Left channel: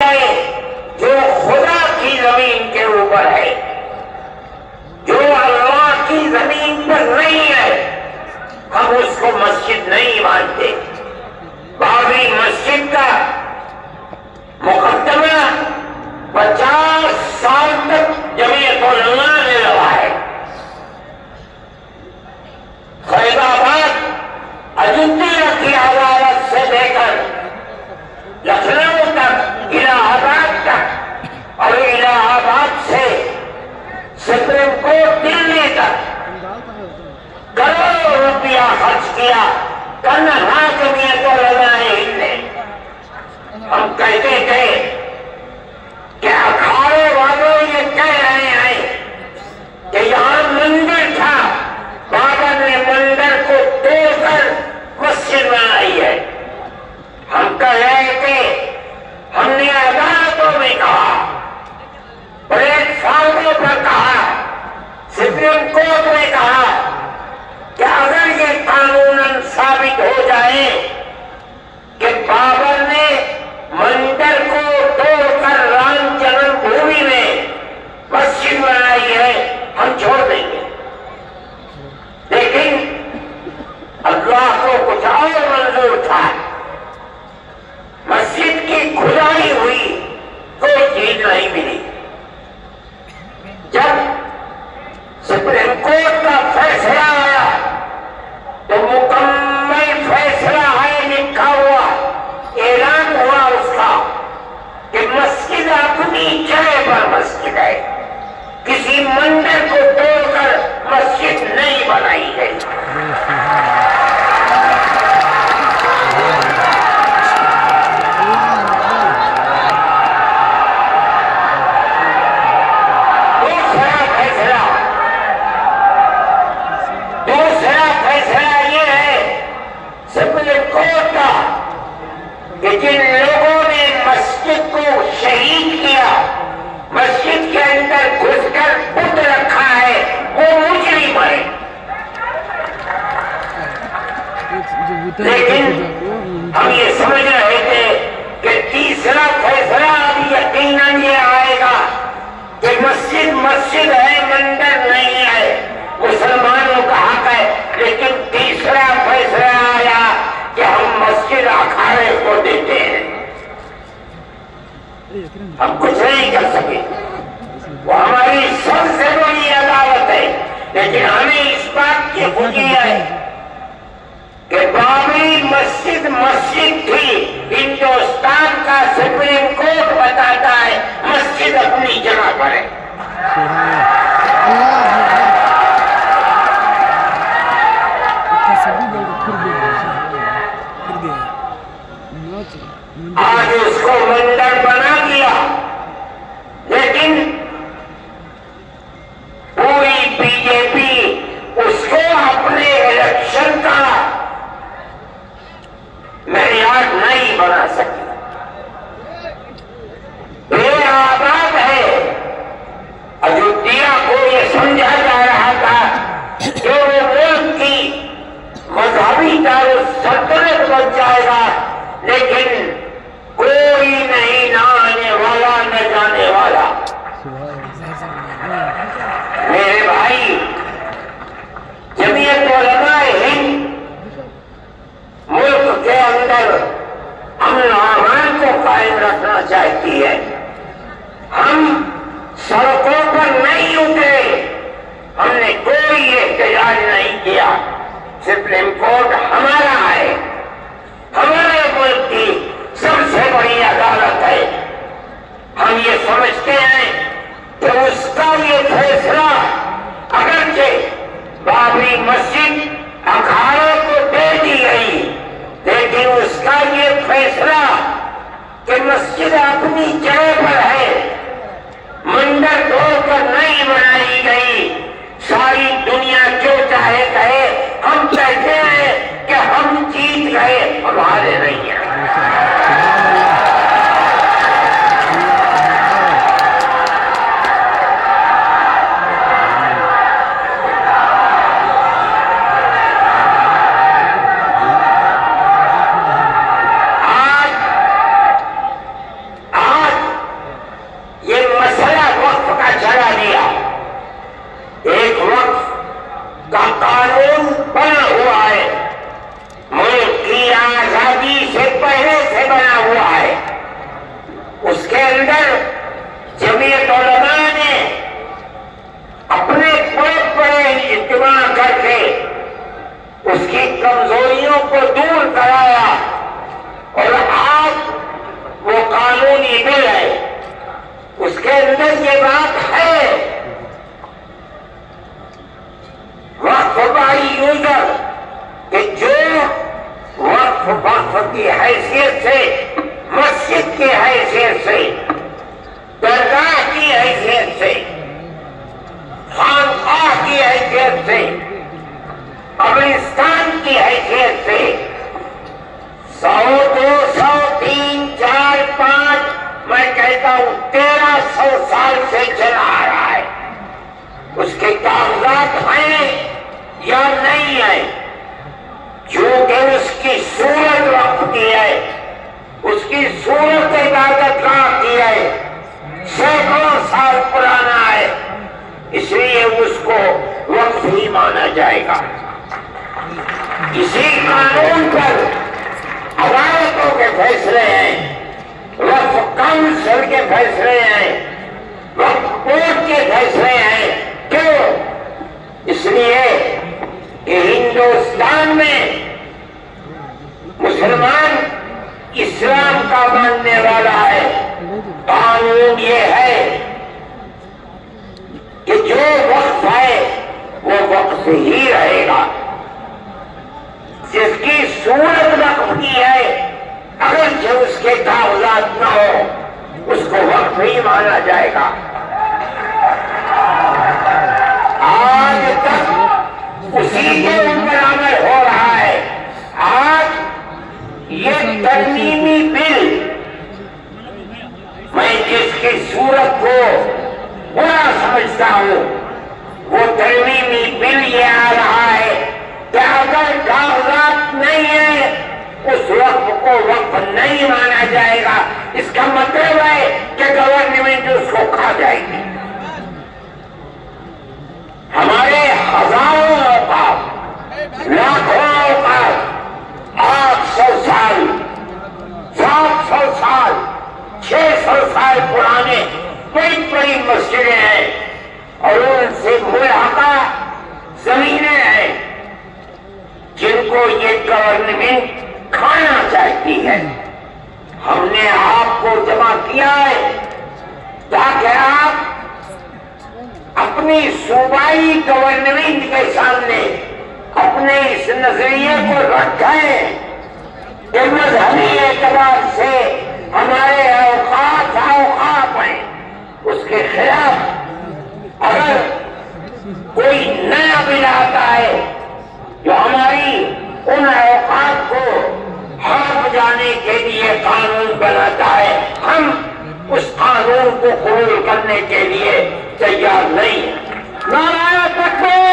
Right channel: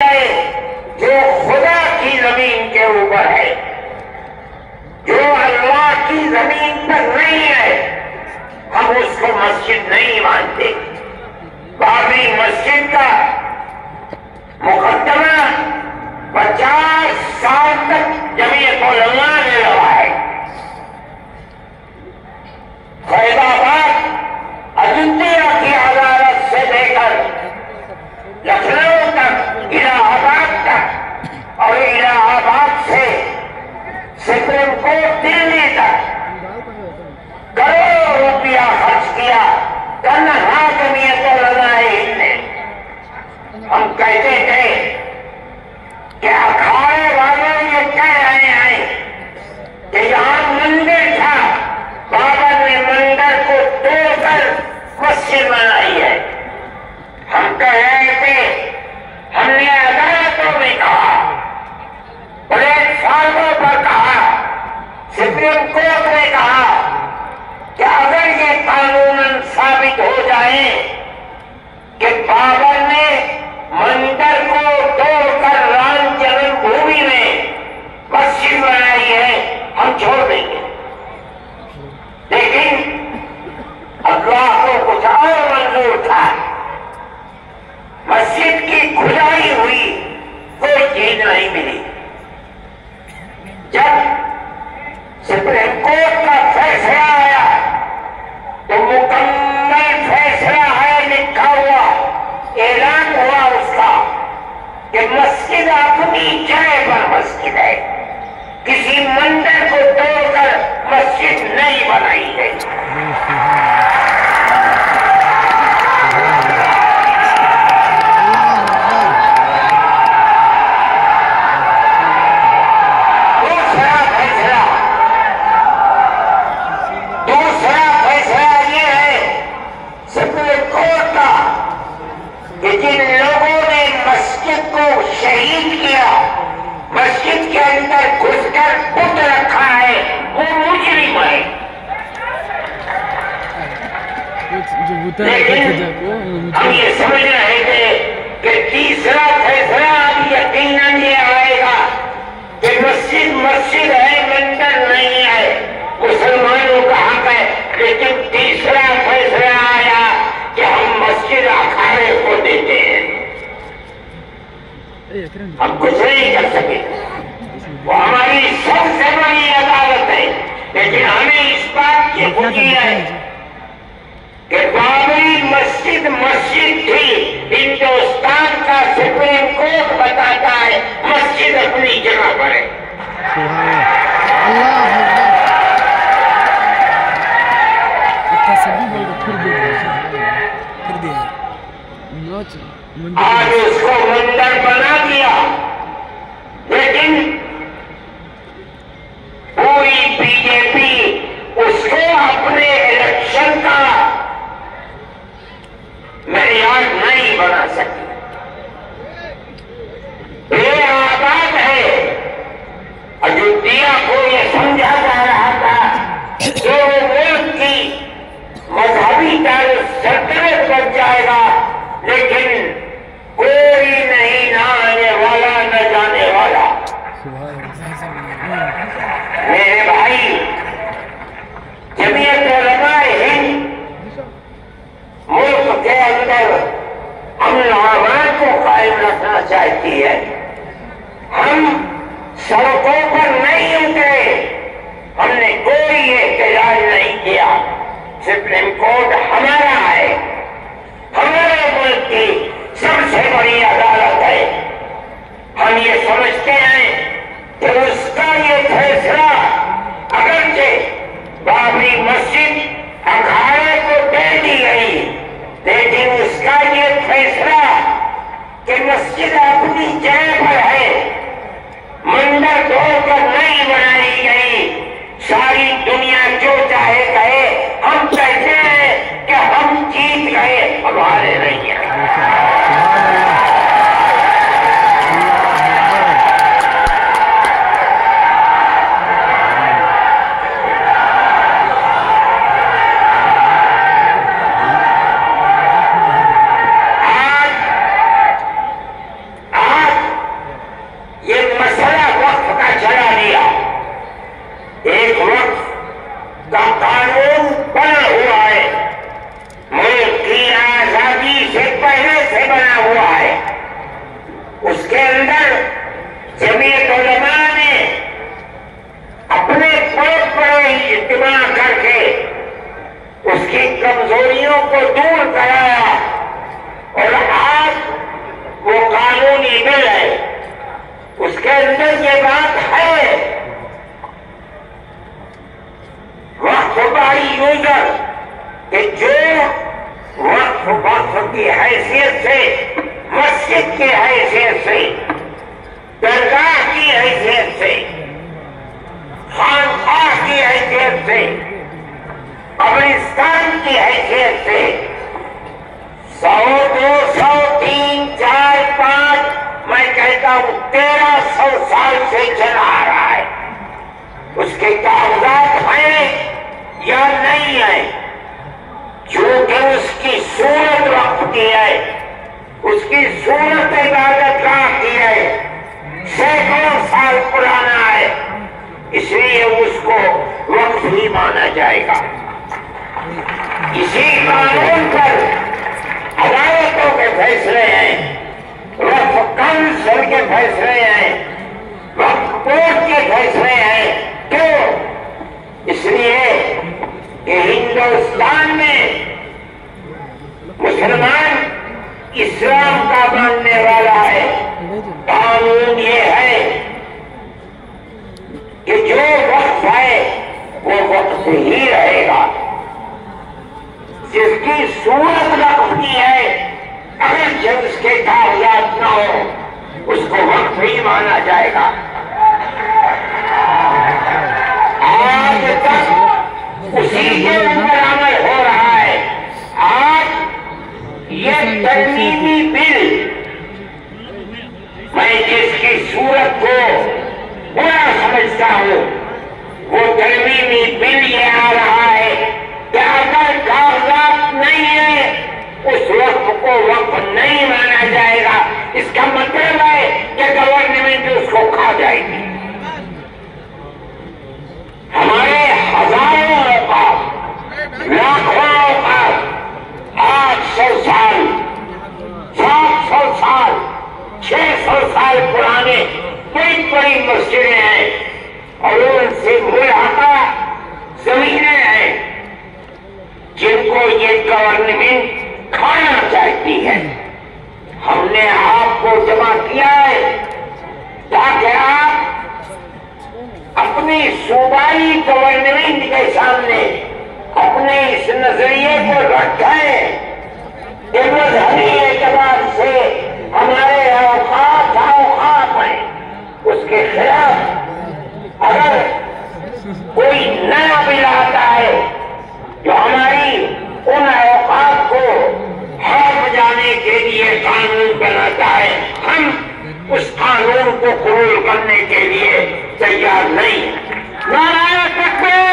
جو خدا کی زمین کے اوپر ہے، جو اللہ کی زمین پر نہیں ہے، ہم اس کو مسجد نہیں مانتے۔ بابری مسجد کا مقدمہ 50 سال تک جمعیت علماء نے لڑا ہے۔ فیض آباد اجنتیا کی عدالت سے لے کر لکھنؤ تک، الہ آباد تک، اور الہ آباد سے سپریم کورٹ دلی تک کروڑوں روپیہ خرچ کیا تنہا جمعیت علماء ہند نے۔ ہم کہتے تھے کہ اکھاڑے والوں یہ کہہ رہے ہیں کہ یہاں مندر تھا، بابر نے مندر کو توڑ کر مسجد بنائی ہے۔ ہم کہہ رہے تھے، ہم نے عدالتوں میں کہا، پلیٹ فارموں پر کہا، سپریم کورٹ نے کہا کہ اگر یہ قانوناً ثابت ہو جائے کہ بابر نے مندر کو توڑ کر رام جنم بھومی میں مسجد بنائی ہے، ہم چھوڑ دیں گے۔ لیکن اللہ کو کچھ اور منظور تھا۔ مسجد کی کھدائی ہوئی، کوئی چیز نہیں ملی۔ جب سپریم کورٹ کا فیصلہ آیا تو مکمل فیصلہ ہے، لکھا ہوا، اعلان ہوا اس کا کہ مسجد اپنی جگہ پر مسجد ہے، کسی مندر کو توڑ کر مسجد نہیں بنائی گئی۔ کہ جن لوگوں نے مسجد کو شہید کیا، مسجد کے اندر گھس کر بت رکھا ہے، وہ مجرم ہے۔ لیکن ہم یہ سمجھ رہے تھے کہ تیسرا فیصلہ اب یقیناً یہ آئے گا کہ مسجد مسجد ہے، مندر نہیں ہے، مسلمانوں کا حق ہے۔ لیکن تیسرا فیصلہ آیا کہ ہم مسجد اکھاڑے کو دیتے ہیں۔ ہم کچھ نہیں کر سکے، وہ ہماری سب سے بڑی عدالت ہے، لیکن ہمیں اس بات کی خوشی ہے کہ بابری مسجد مسجد تھی۔ ہندوستان کا سپریم کورٹ بتاتا ہے مسجد اپنی جگہ پر ہے۔ آج اس کو مندر بنا دیا، لیکن پوری بی جے پی اس کو اپنے الیکشن کا معیار نہیں بنا سکی۔ بے آباد ہے۔ اجودھیا کو یہ سمجھا جا رہا تھا کہ وہ ملک کی مذہبی دارالسلطنت بن جائے گا، لیکن کوئی نہیں، نہ آنے والا نہ جانے والا۔ میرے بھائی، جمعیت علماء ہند ملک کے اندر امن و امان کو قائم رکھنا چاہتی ہے۔ ہم سڑکوں پر نہیں اترے، ہم نے کوئی احتجاج نہیں کیا۔ سپریم کورٹ ہمارا ہے، ہمارے ملک کی سب سے بڑی عدالت ہے۔ ہم یہ سمجھتے ہیں کہ اس کا یہ فیصلہ، اگرچہ بابری مسجد اکھاڑے کو دے دی گئی، لیکن اس کا یہ فیصلہ کہ مسجد اپنی جگہ پر ہے، مندر توڑ کر نہیں بنائی گئی، ساری دنیا جو چاہے کہے، ہم کہتے ہیں کہ ہم جیت گئے، ہمارے نہیں ہیں۔ آج اجتماع کر کے اس کی کمزوریوں کو دور کرایا اور آج وہ قانونی بل ہے، اس کے اندر یہ بات ہے وقف بائی یوزر کہ جو وقف کی حیثیت سے، مسجد کی حیثیت سے، درگاہ کی حیثیت سے، خانقاہ کی حیثیت سے، قبرستان کی حیثیت سے 100، 200، 3، 4، 5، میں کہتا ہوں 1300 سال سے چلا آ رہا ہے، اس کے کاغذات ہیں یا نہیں ہیں؟ چونکہ اس کی صورت وقف کی ہے، اس کی صورت عبادت گاہ کی ہے، سینکڑوں سال پرانا ہے، اس لیے اس کو وقف ہی مانا جائے گا۔ اسی قانون پر عدالتوں کے فیصلے ہیں، وقف کونسل کے فیصلے ہیں، وقف بورڈ کے فیصلے ہیں۔ کیوں؟ اس لیے کہ ہندوستان میں مسلمان اسلام کا ماننے والا ہے، قانون یہ ہے کہ جو وقف ہے وہ وقف ہی رہے گا، جس کی صورت وقف کی ہے اگر جب اس کے کاغذات نہ ہو اس کو وقف ہی مانا جائے گا۔ آج تک اسی کے اندر عمل ہو رہا ہے۔ آج یہ ترمیمی بل، میں جس کی صورت کو برا سمجھتا ہوں، وہ ترمیمی بل یہ آ رہا ہے کہ اگر کاغذات نہیں ہیں اس وقت کو وقف نہیں مانا جائے گا۔ اس کا مطلب ہے کہ گورنمنٹ اس کو کھا جائے گی۔ ہمارے ہزاروں اوقاف، لاکھوں اوقاف، 800 سال، 700 سال، 600 سال پرانے بڑی بڑی مسجدیں ہیں اور ان سے ملحقہ زمینیں ہیں جن کو یہ گورنمنٹ کھانا چاہتی ہے۔ ہم نے آپ کو جمع کیا ہے تاکہ آپ اپنی صوبائی گورنمنٹ کے سامنے اپنے اس نظریے کو رکھیں کہ مذہبی اعتبار سے ہمارے اوقات ہیں، اس کے خلاف اگر کوئی نیا بل آتا ہے جو ہماری ان اوقات کو ہار جانے کے لیے قانون بناتا ہے، ہم اس قانون کو قبول کرنے کے لیے تیار نہیں ہیں۔ نعرہ تکبیر!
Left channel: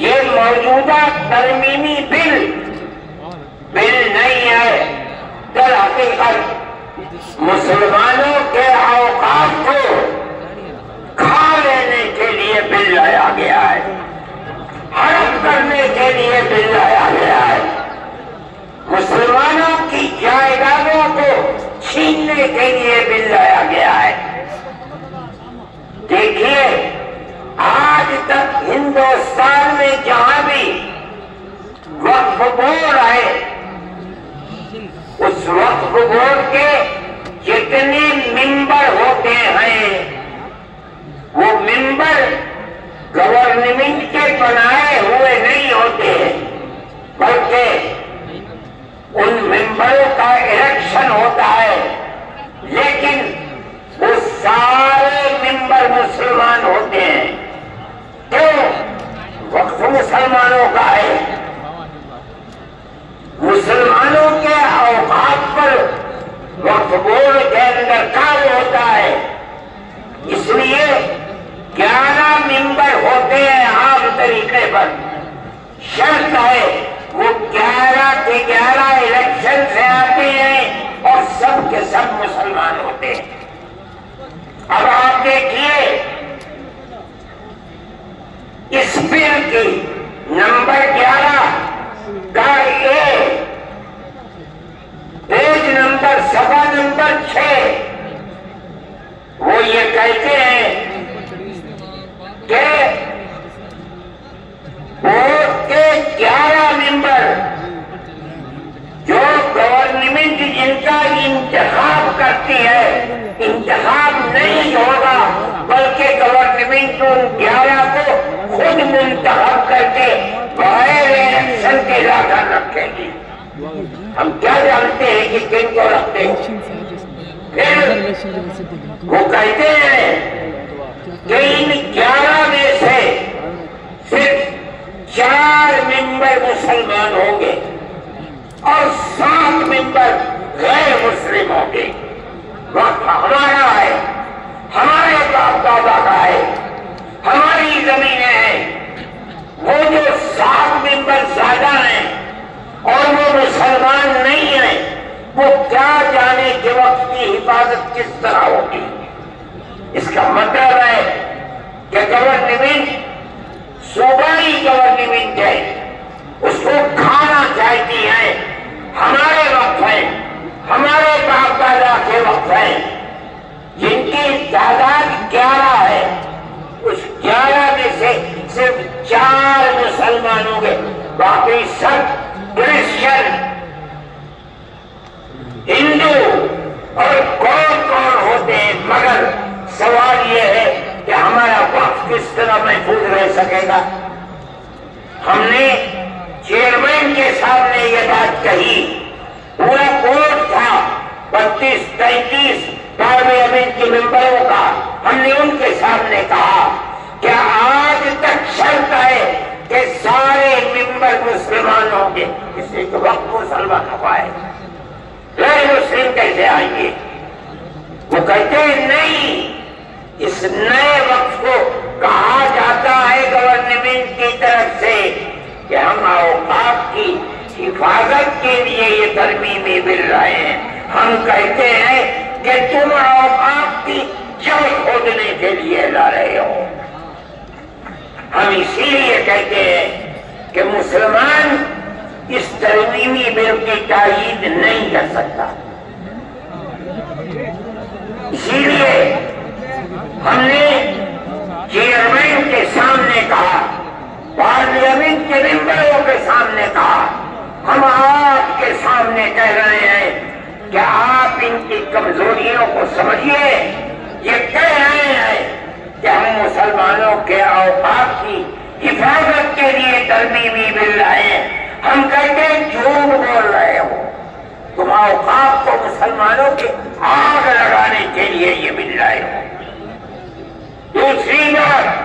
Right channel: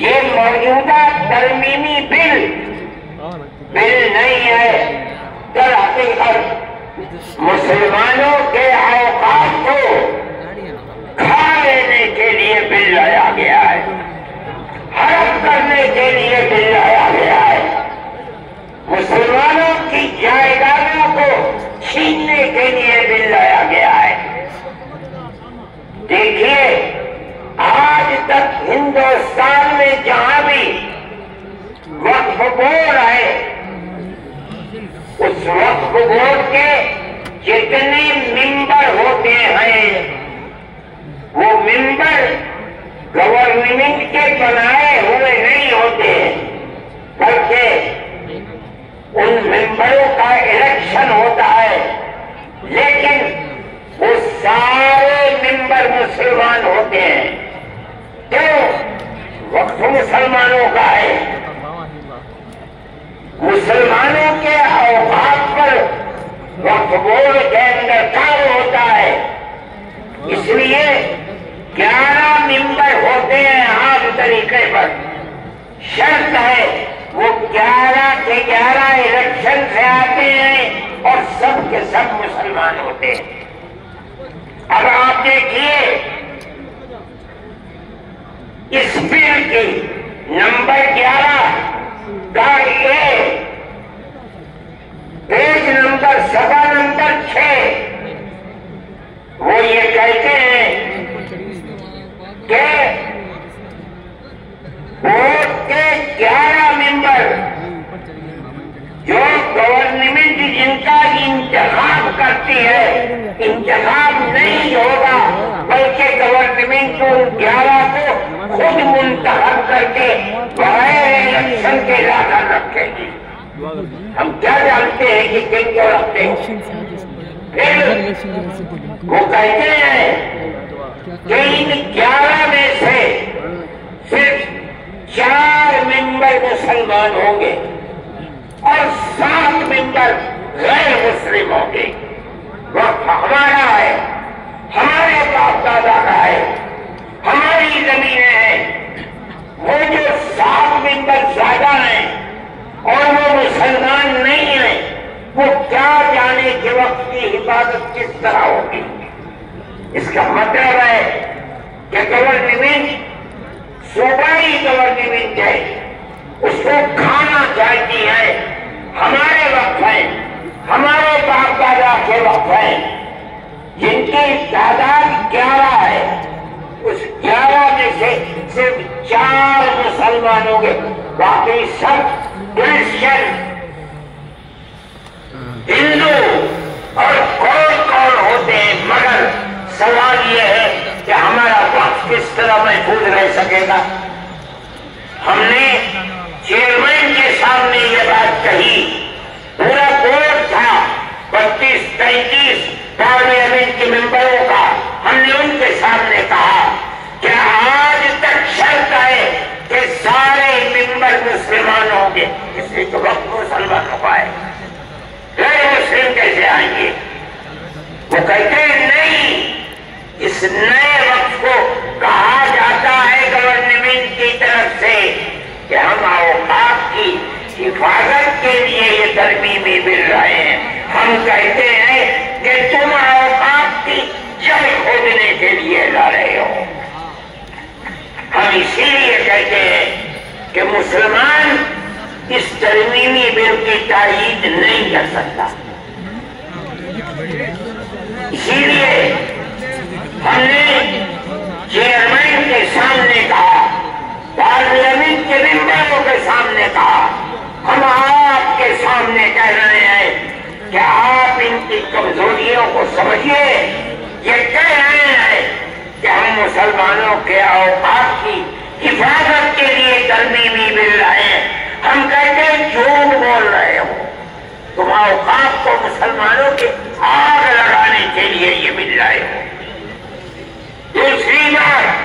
یہ موجودہ ترمیمی بل نہیں ہے، در حقیقت مسلمانوں کے اوقات کو کھا لینے کے لیے بل لایا گیا ہے، حرام کرنے کے لیے بل لایا گیا ہے، مسلمانوں کی جائیدادوں کو چھیننے کے لیے بل لایا گیا ہے۔ دیکھیے آج تک ہندوستان میں جہاں بھی وقف بورڈ ہے، اس وقف بورڈ کے جتنے ممبر ہوتے ہیں وہ ممبر گورنمنٹ کے بنائے ہوئے نہیں ہوتے، بلکہ ان ممبروں کا الیکشن ہوتا ہے، لیکن وہ سارے ممبر مسلمان ہوتے ہیں۔ کیوں؟ وقف مسلمانوں کا ہے، مسلمانوں کے اوقات پر وقف بورڈ کے اندر کام ہوتا ہے، اس لیے 11 ممبر ہوتے ہیں عام طریقے پر، شرط ہے وہ 11 کے 11 الیکشن سے آتے ہیں اور سب کے سب مسلمان ہوتے ہیں۔ اب آپ دیکھیے اس بل کی نمبر 11 کا پیج نمبر صفحہ نمبر 6 وہ یہ کہتے ہیں کہ ووٹ کے 11 ممبر جو گورنمنٹ جن کا انتخاب کرتی ہے، انتخاب نہیں ہوگا بلکہ گورنمنٹ ان 11 کو خود منتخب کر کے بغیر الیکشن کے لا رکھے گی۔ ہم کیا جانتے ہیں کہ کن کو رکھتے ہیں؟ پھر وہ کہتے ہیں کہ ان 11 میں سے صرف 4 ممبر مسلمان ہوں گے اور 7 ممبر غیر مسلم ہوں گے۔ وقت ہمارا ہے، ہمارے باپ دادا کا ہے، ہماری زمینیں ہیں۔ وہ جو 7 ممبر زیادہ ہیں اور وہ مسلمان نہیں ہیں، وہ کیا جانے کہ وقت کی حفاظت کس طرح ہوگی۔ اس کا مطلب ہے کہ گورنمنٹ صوبائی گورنمنٹ ہے، اس کو کھانا چاہتی ہے۔ ہمارے وقت ہیں، ہمارے باپ دادا کے وقت ہیں، جن کی تعداد 11 ہے، اس 11 میں سے صرف 4 مسلمان ہوں گے، باقی سب کرسچن، ہندو اور کون ہوتے ہیں۔ مگر سوال یہ ہے کہ ہمارا وقت کس طرح محفوظ رہ سکے گا۔ ہم نے چیئرمین کے سامنے یہ بات کہی، پورا بورڈ تھا 32-33 پارلیمنٹ کے ممبروں کا، ہم نے ان کے سامنے کہا کہ آج تک شرط ہے کہ سارے ممبر مسلمان ہوں گے، اس لیے کہ وقت مسلمان ہو پائے، غیر مسلم کیسے آئیں گے؟ وہ کہتے ہیں نہیں، اس نئے وقت کو کہا جاتا ہے گورنمنٹ کی طرف سے کہ ہم اوقاف کی حفاظت کے لیے یہ ترمیمی مل رہے ہیں۔ ہم کہتے ہیں کہ تم اوقاف کی جڑ کھودنے کے لیے لا رہے ہو۔ ہم اسی لیے کہتے ہیں کہ مسلمان اس ترمیمی بل کی تائید نہیں کر سکتا۔ اسی لیے ہم نے چیئرمین کے سامنے کہا، پارلیمنٹ کے ممبروں کے سامنے کہا، ہم آپ کے سامنے کہہ رہے ہیں کہ آپ ان کی کمزوریوں کو سمجھیے۔ یہ کہہ رہے ہیں کہ ہم مسلمانوں کے اوقاف کی حفاظت کے لیے ترمیمی مل رہے ہیں۔ ہم کہتے ہیں جھوٹ بول رہے ہو، تم اوقاف کو مسلمانوں کے آگ لگانے کے لیے یہ مل رہے ہو۔ دوسری بات،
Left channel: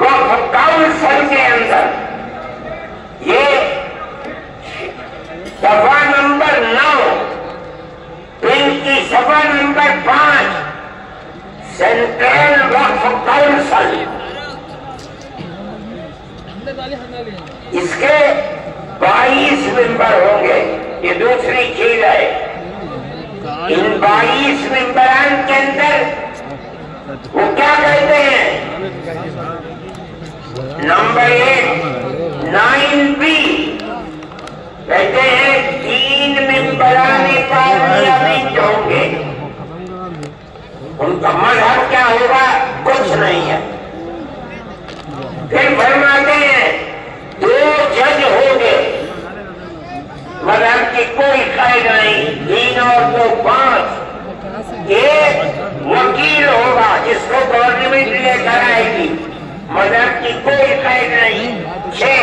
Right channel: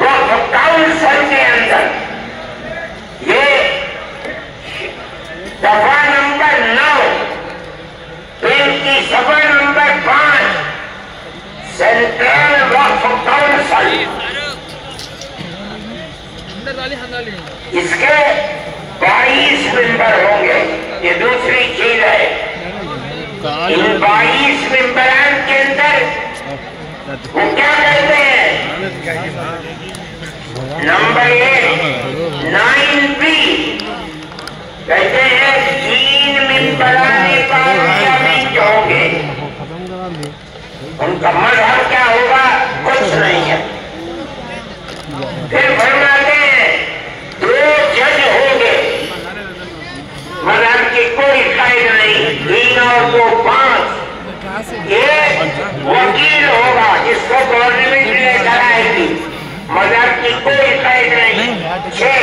وقف کاؤنسل کے اندر یہ دفعہ نمبر 9 ان کی صفحہ نمبر 5 سینٹرل وقف کاؤنسل، اس کے 22 ممبر ہوں گے۔ یہ دوسری چیز ہے، ان 22 ممبران کے اندر وہ کیا کہتے ہیں؟ نمبر 1 9B کہتے ہیں 3 ممبران پارلیمنٹ ہوں گے۔ ان کا مذہب کیا ہوگا؟ کچھ نہیں ہے۔ پھر فرماتے ہیں 2 جج ہوں گے، مذہب کی کوئی قید نہیں، 3 اور 2 5۔ ایک وکیل ہوگا جس کو گورنمنٹ لے کر آئے گی، مذہب کی کوئی قید نہیں۔ 6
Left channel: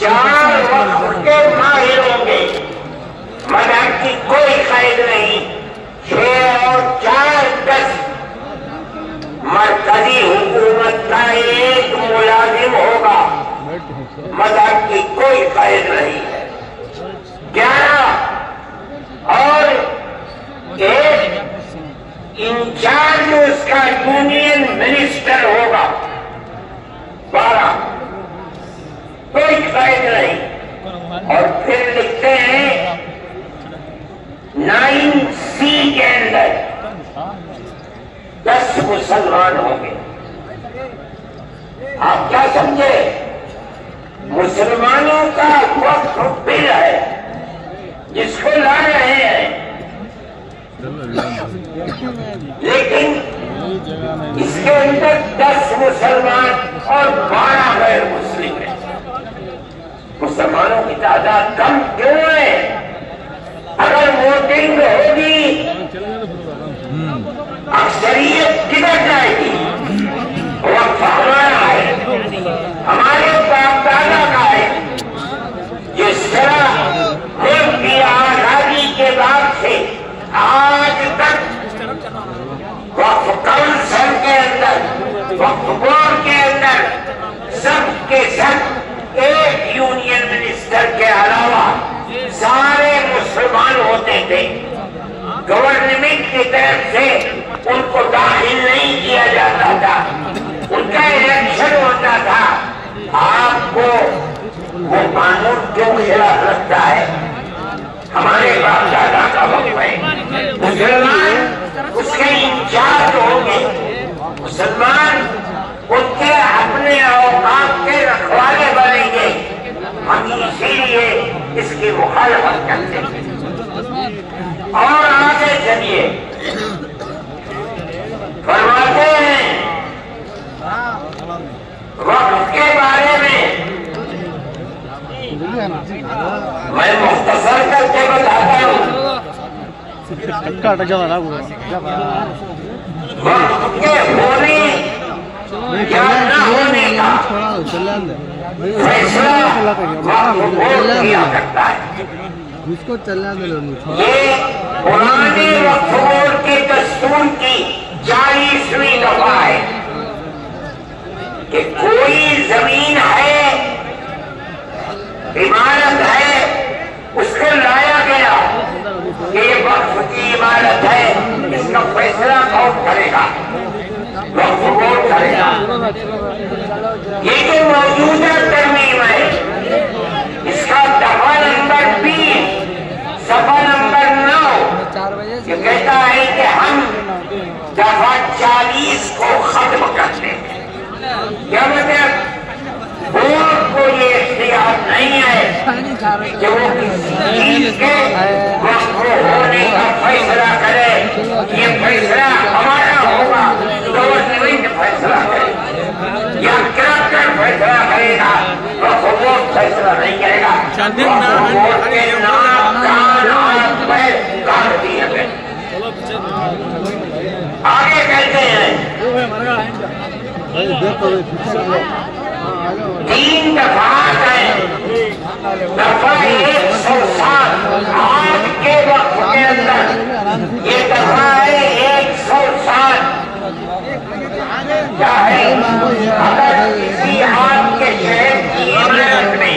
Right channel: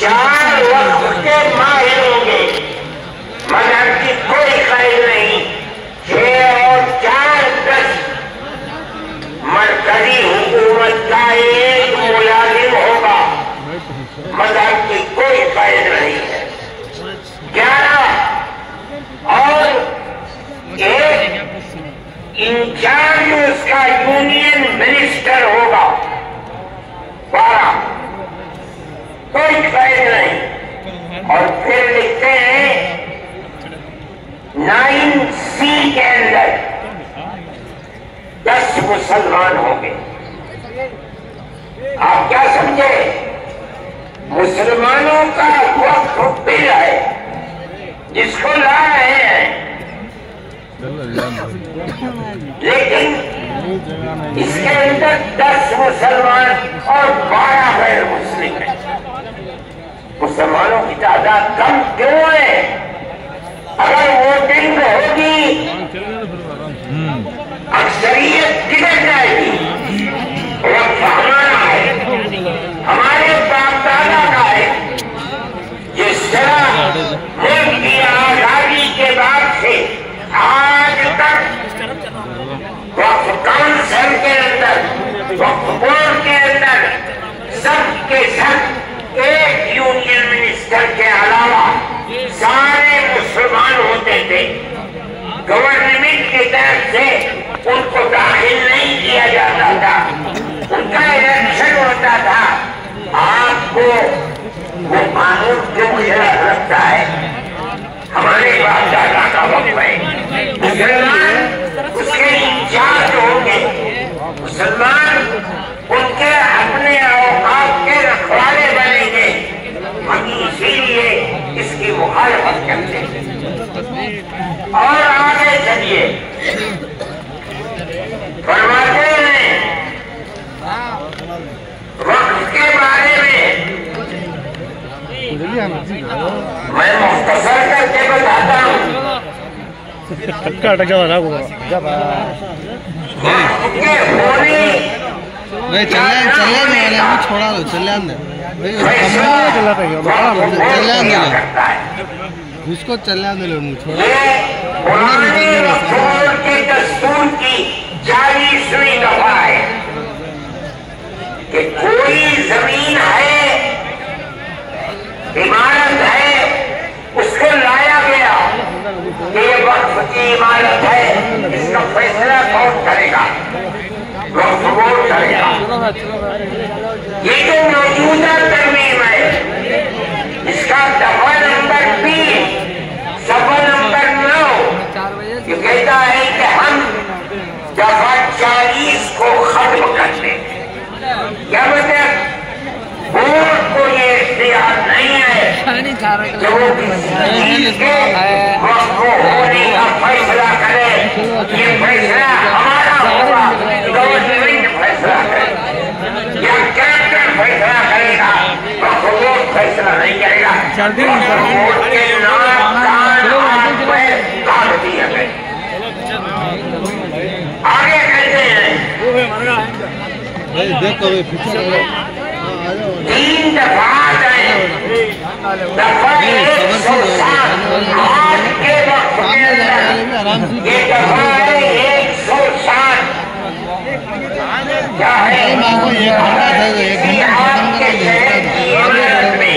4 وقت کے ماہر ہوں گے، مذہب کی کوئی قید نہیں۔ 6 اور 4 10 مرکزی حکومت کا ایک ملازم ہوگا، مذہب کی کوئی قید نہیں۔ کوئی قید نہیں. اور پھر لکھتے ہیں 9C کے اندر 10 مسلمان ہوں گے. آپ کیا سمجھے؟ مسلمانوں کا وقت بل ہے جس کو لا رہے ہیں، لیکن اس کے اندر 10 مسلمان اور 12 غیر مسلم ہیں. مسلمانوں کی تعداد کم کیوں ہے؟ اگر ووٹنگ ہوگی اکثریت کدھر جائے گی؟ وقت ہمارا ہے، ہمارے باپ دادا کا ہے. جس طرح ملک کی آزادی کے بعد سے آج تک وقف کونسل کے اندر، وقف بورڈ کے اندر سب کے سب ایک یونین منسٹر کے علاوہ سارے مسلمان ہوتے تھے. گورنمنٹ کی طرف سے ان کو داخل نہیں کیا جاتا تھا، ان کا الیکشن ہوتا تھا. آپ کو وہ قانون کیوں خلاف رکھتا ہے؟ ہمارے باپ دادا کا وقت ہے. مسلمان اس کے انچارج ہوں گے، مسلمان ان کے اپنے اوقات کے رکھوالے بنیں گے. ہم اسی لیے اس کی مخالفت کرتے ہیں. اور آگے چلیے، فرماتے ہیں وقت کے بارے میں میں مختصر کر کے بتاتا ہوں. وقت کے ہونے جس کو چلنے دے لو کے دستور کی 40ویں دفعہ ہے کہ کوئی زمین ہے، عمارت ہے، اس کو لایا گیا کہ یہ وقف کی عمارت ہے، اس کا فیصلہ کون کرے گا؟ وقف بورڈ کرے گا. یہ جو موجودہ ترمیم ہے اس کا دفعہ نمبر 20 صفحہ نمبر 9 یہ کہتا ہے کہ ہم دفعہ 40 کو ختم کر دیں. کیا مطلب؟ بورڈ کو یہ اختیار نہیں ہے کہ وہ چیز کے وقف ہونے کا فیصلہ کرے. یہ فیصلہ ہمارا ہوگا، گورنمنٹ فیصلہ کرے یا کریکٹر فیصلہ کرے گا. وقف بورڈ فیصلہ نہیں کرے گا. آگے کہتے ہیں 3 دفعات ہیں. دفعہ 107 آج کے وقت کے اندر یہ دفعہ ہے 107. کیا ہے؟ کسی آپ کے شہر کی عمارت میں